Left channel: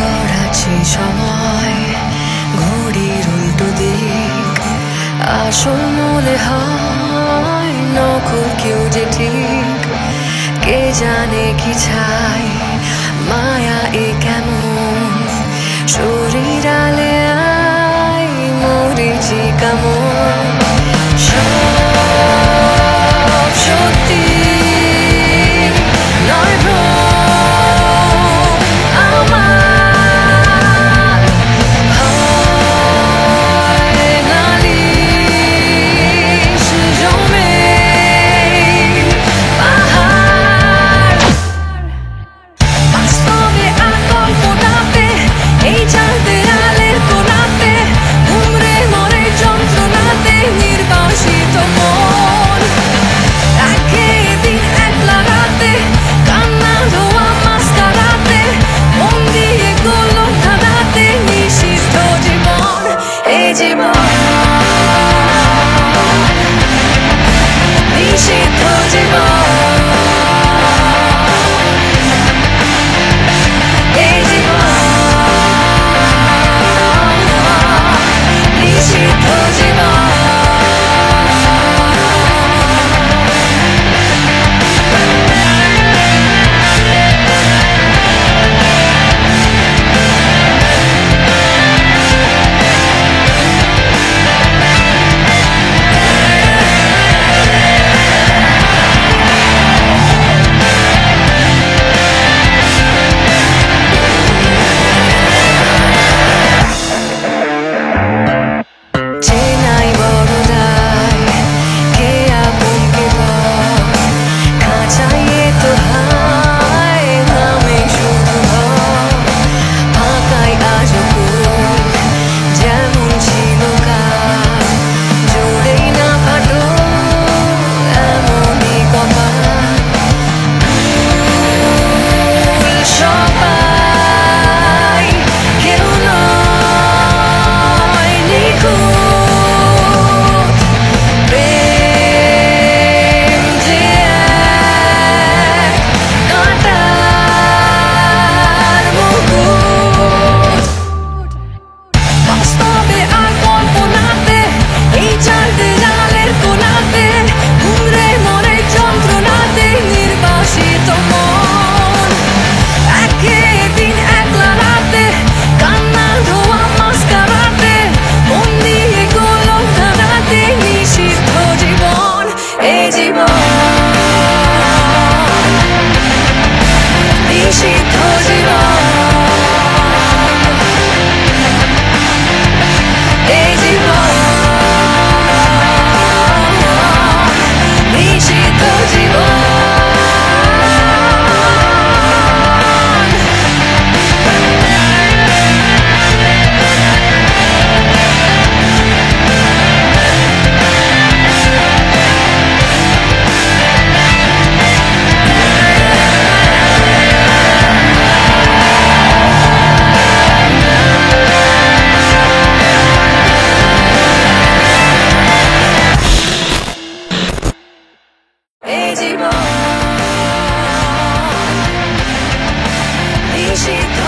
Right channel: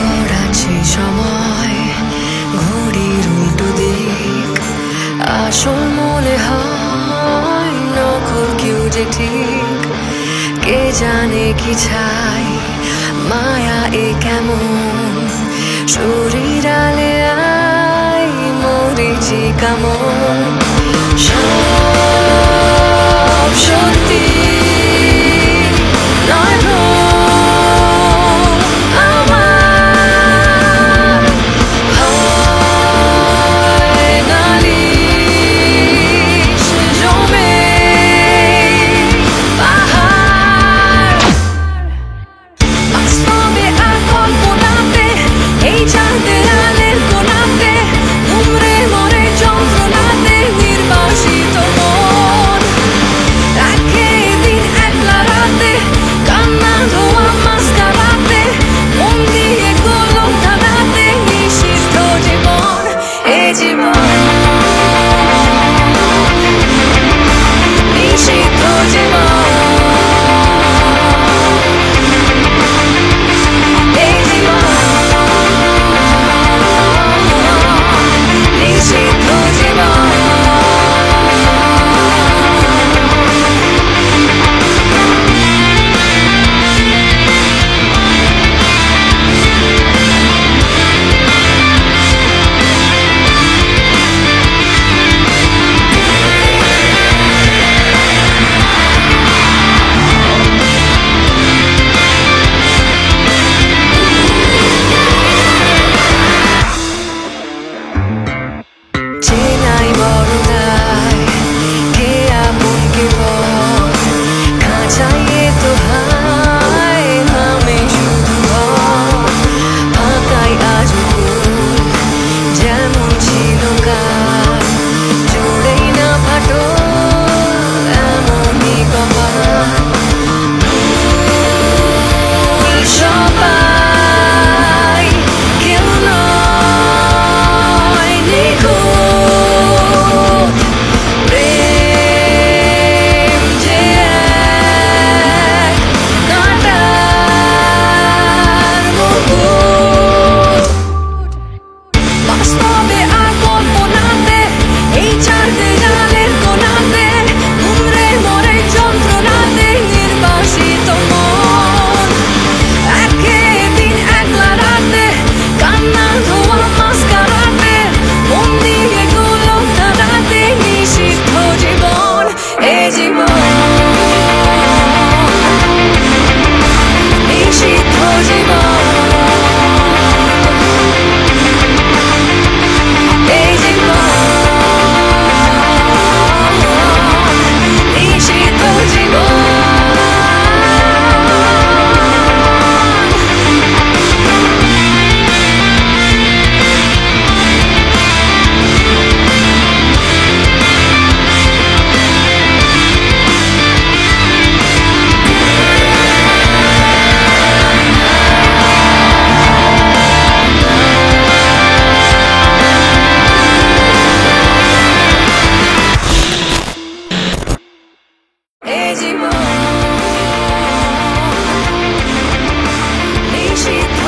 গড়াচ্ছে সময় ঘড়ির উল্টো দিক, আসল মনে হয় নকল কেউ যে ঠিক। কে জানে কি ছাই মায়া এ কেমন, শরীর আলে আই মরিচি কেমন। সব সত্যি নয় ভ্রম, আমার হয় নালিশ জমে পাহাড়। বাস্তবে আর কল্পনাতে এই চার দেয়ালের কোণাতে ঘুমরে মরে যন্ত্রণাতে নির্বাসিত মন। একে দিন একলা রাতে কান্না ধোয়া মাস্কারাতে মন দিয়ে গোলক ধাঁধাতে নিষিদ্ধ জীবন। এ জীবন নিষিদ্ধ জীবন। চেনাই বড় দায়, কে আপন কে পর, খাঁচাইয়ে তো হায় নামে শুধু ঘর। ফাঁকাই আজও কোল যেমন ছিল কাল, জোড়েই না ফাটো এমনই কপাল। ভুল সবাই কেউ নয় নিখুঁত, প্রেম যে এক কাঁটার মুকুট। বাস্তবে আর কল্পনাতে এই চার দেয়ালের কোণাতে ঘুমরে মরে যন্ত্রণাতে নির্বাসিত মন। একে দিন একলা রাতে কান্না ধোয়া মাস্কারাতে মন দিয়ে গোলক ধাঁধাতে নিষিদ্ধ জীবন। এ জীবন নিষিদ্ধ জীবন। এই জীবন নিষিদ্ধ জীবন। এই জীবন নিষিদ্ধ